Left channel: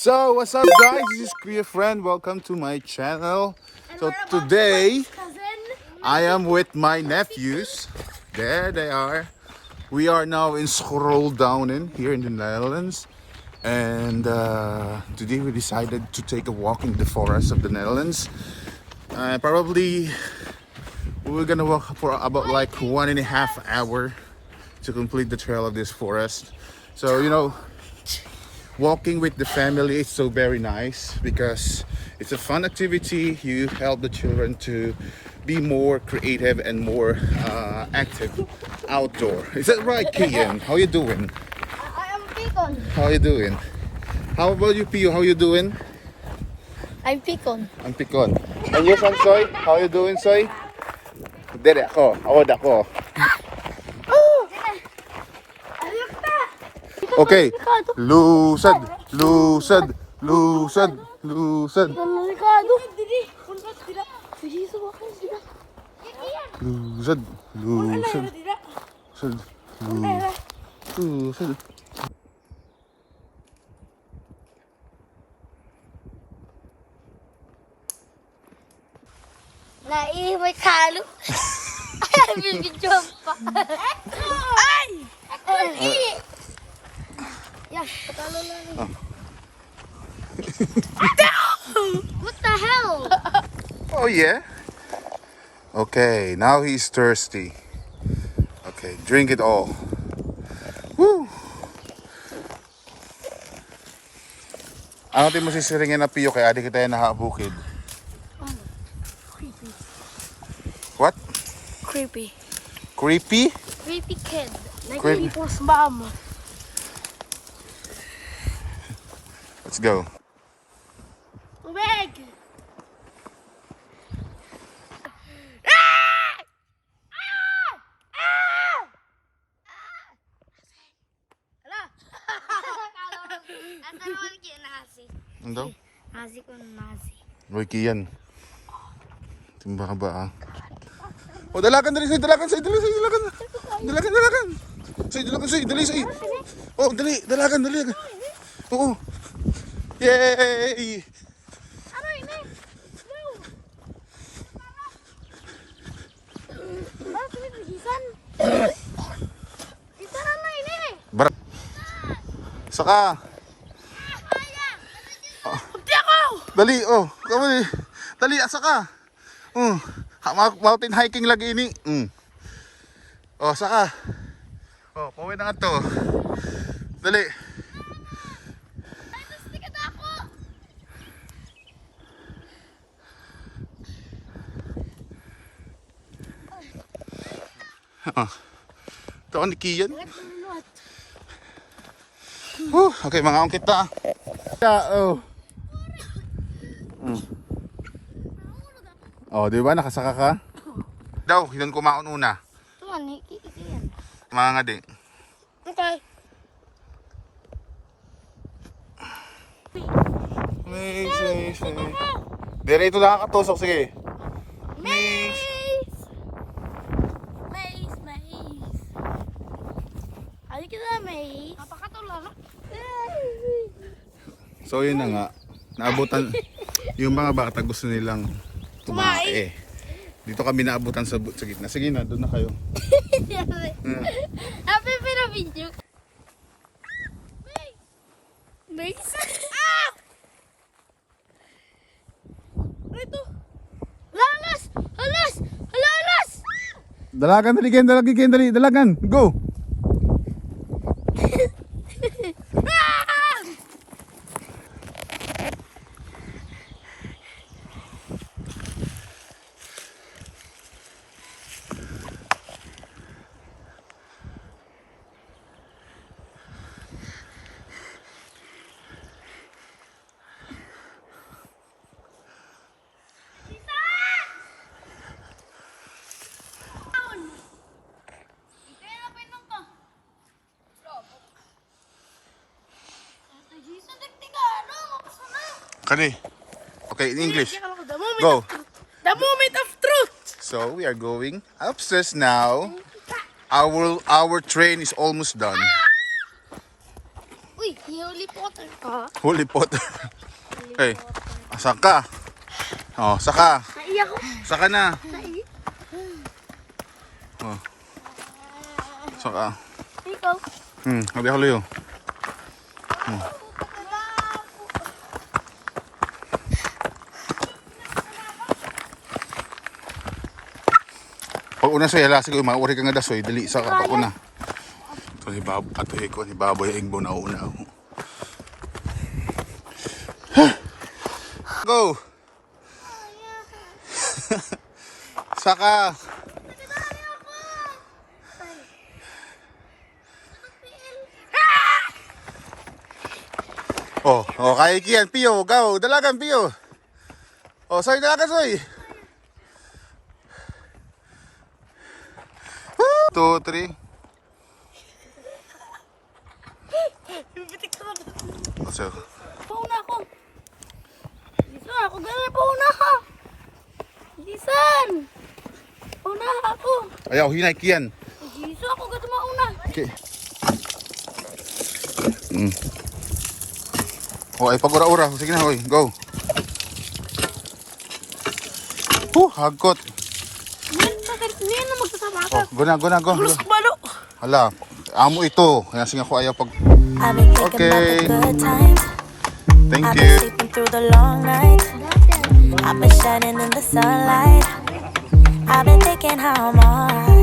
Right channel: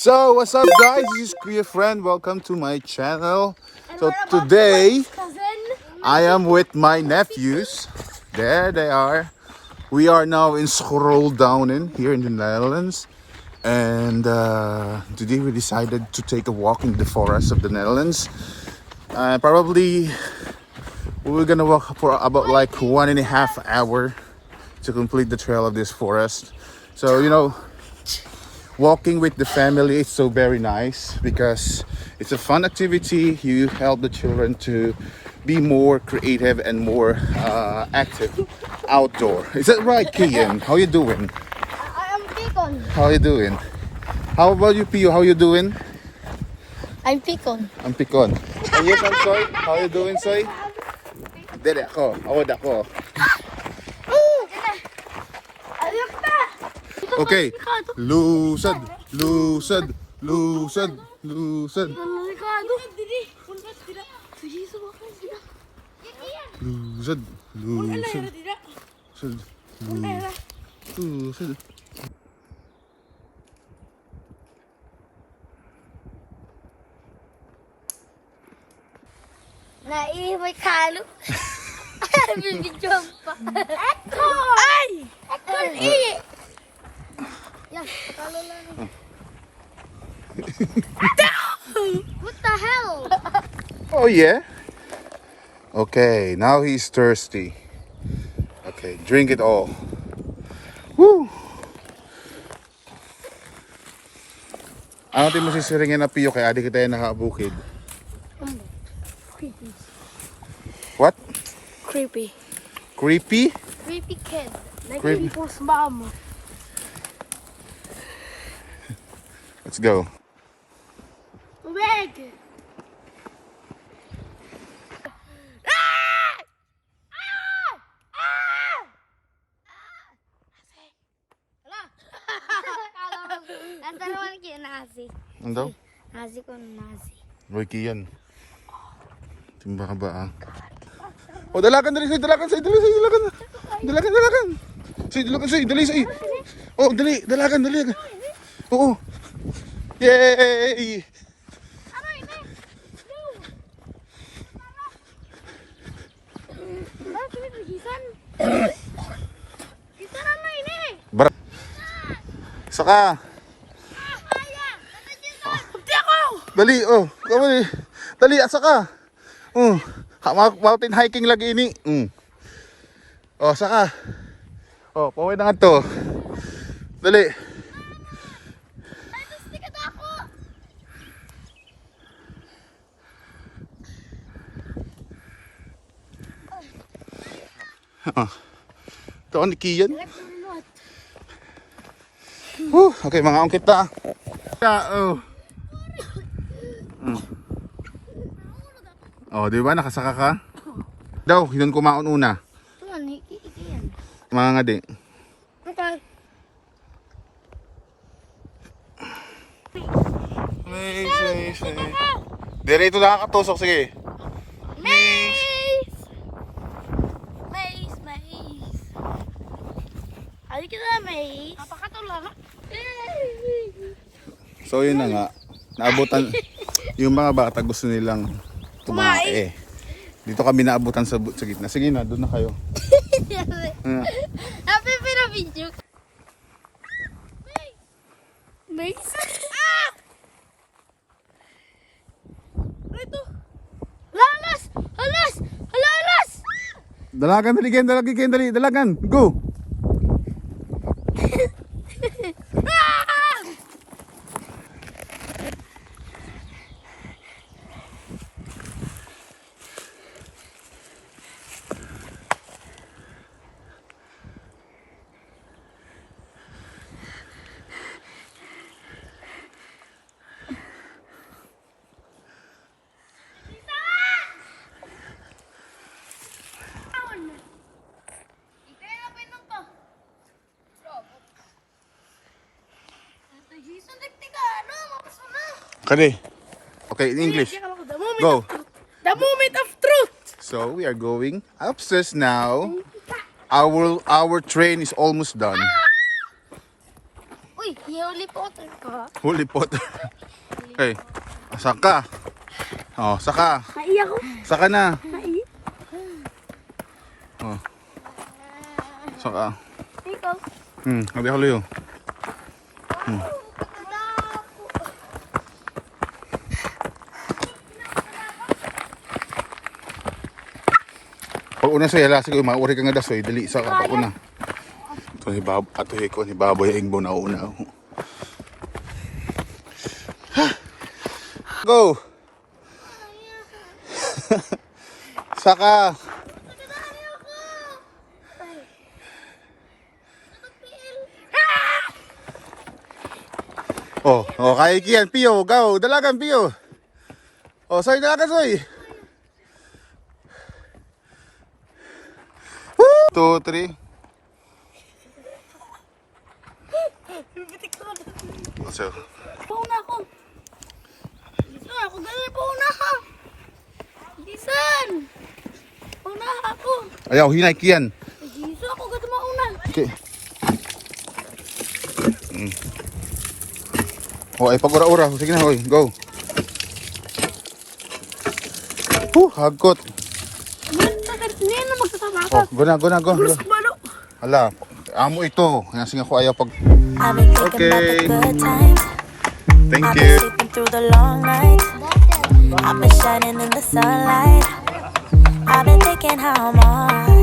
So what's up guys, this is Kuya Friend, welcome to my channel. So today I am with my nephews. There they are. We are now in Schorldownen here in the Netherlands. And today we decided to take a walk in the forest of the Netherlands. Probably we're gonna walk for about like 1.5 hours to complete the trail of this forest. So you know, walking with the family is so very nice because it's a fun activity. You help the children to be more creative and more active outdoor. Is that right, Kian? How you doing? I'm Picon. How you doing? How about you, Pio? How you doing? I'm Picon. I'm Picon. And you, Soy? How you doing, Soy? Dere ako. Ako dako. Okay. Lusad, lusad, lusad, lusad. Lusad, lusad, lusad, lusad. May kalo. Bibidyon pa. Ay! Yeah, patalo lang. What the hell? Oh yeah? Okay, now he's thirsty. Okay, drink it all. Woo! Ano tayo mo sisiringin na Pio kaya di kita yung nakabukid? What? Creepy. Creepy? Creepy kid. Creepy. People's mom. Let's go. Big. Ano daw? Nasi ko nasi. Roy Kian. Timba ka ba ah? Oh, dalakan dali, say, dalakan, say, dali, say, dalakan. Dalakan, dalakan. Say, dalakan, say, dali, say. Oh, dali, dalakan, dali. Oo. Yay! Bar. Saka. Dali, oh. Dali. Dali, saka. Mountain hiking lagi ini. Oh, saka. Oh, paway na nga to. Dali. Ito ni Kian. Okay, mga ongkit na. Oh. Oh, di ba nakasaka ka? Daw, yun kumaon una. Mga ngadi. Dire ito nakakatusok, sige. Maze! Ay kita maze. Napakatulog. So yun na nga. Naabutan yung mga bata gusto nilang tumae. Dito kami naabutan sa gitna. Sige na, doon na kayo. Happy pero video. Maze. Ito. Lalas! Halas! Halalas! Dalagan, dali, dali, dalagan. Go! Kali. Okay, in English. Go. The moment of truth. So we are going upstairs now. Our train is almost done. Uy, hiuli Potter ka. Holy Potter. Okay. Saka. Oh, saka. Naiyak ko. Saka na. Naiyak. Oh. Saka. Ikaw. Habi ako luyo. Pag una soy, hala siguro mauri ka nga dasoy, dali sa ka pag una. Ito ni Bab, ato ko ni Baboy Ingbo na una. Go. Saka. Oh, kaya kiyan, Pio, go, dalagan, Pio. Oh, soy, dalagan, soy. 2, 3. So, Pauna ako. Isa ako. Gano'n pauna ka. Isan. Pauna ako. ayaw, hinay kiyan. Isa ako. Gano'n mauna. Okay. Oh, ay pag-ura-ura. Sige na, hoy, go. Hagkot. Hindi na magsasama ako. Oh, go. Gulos ko malo. Hala, amo ito. Kaya sige ako ayaw pag... I've been thinking Okay. about the good times. Thank I've you. been sleeping through the long nights. I've been shining in the sunlight. I've been thinking how I'm alright.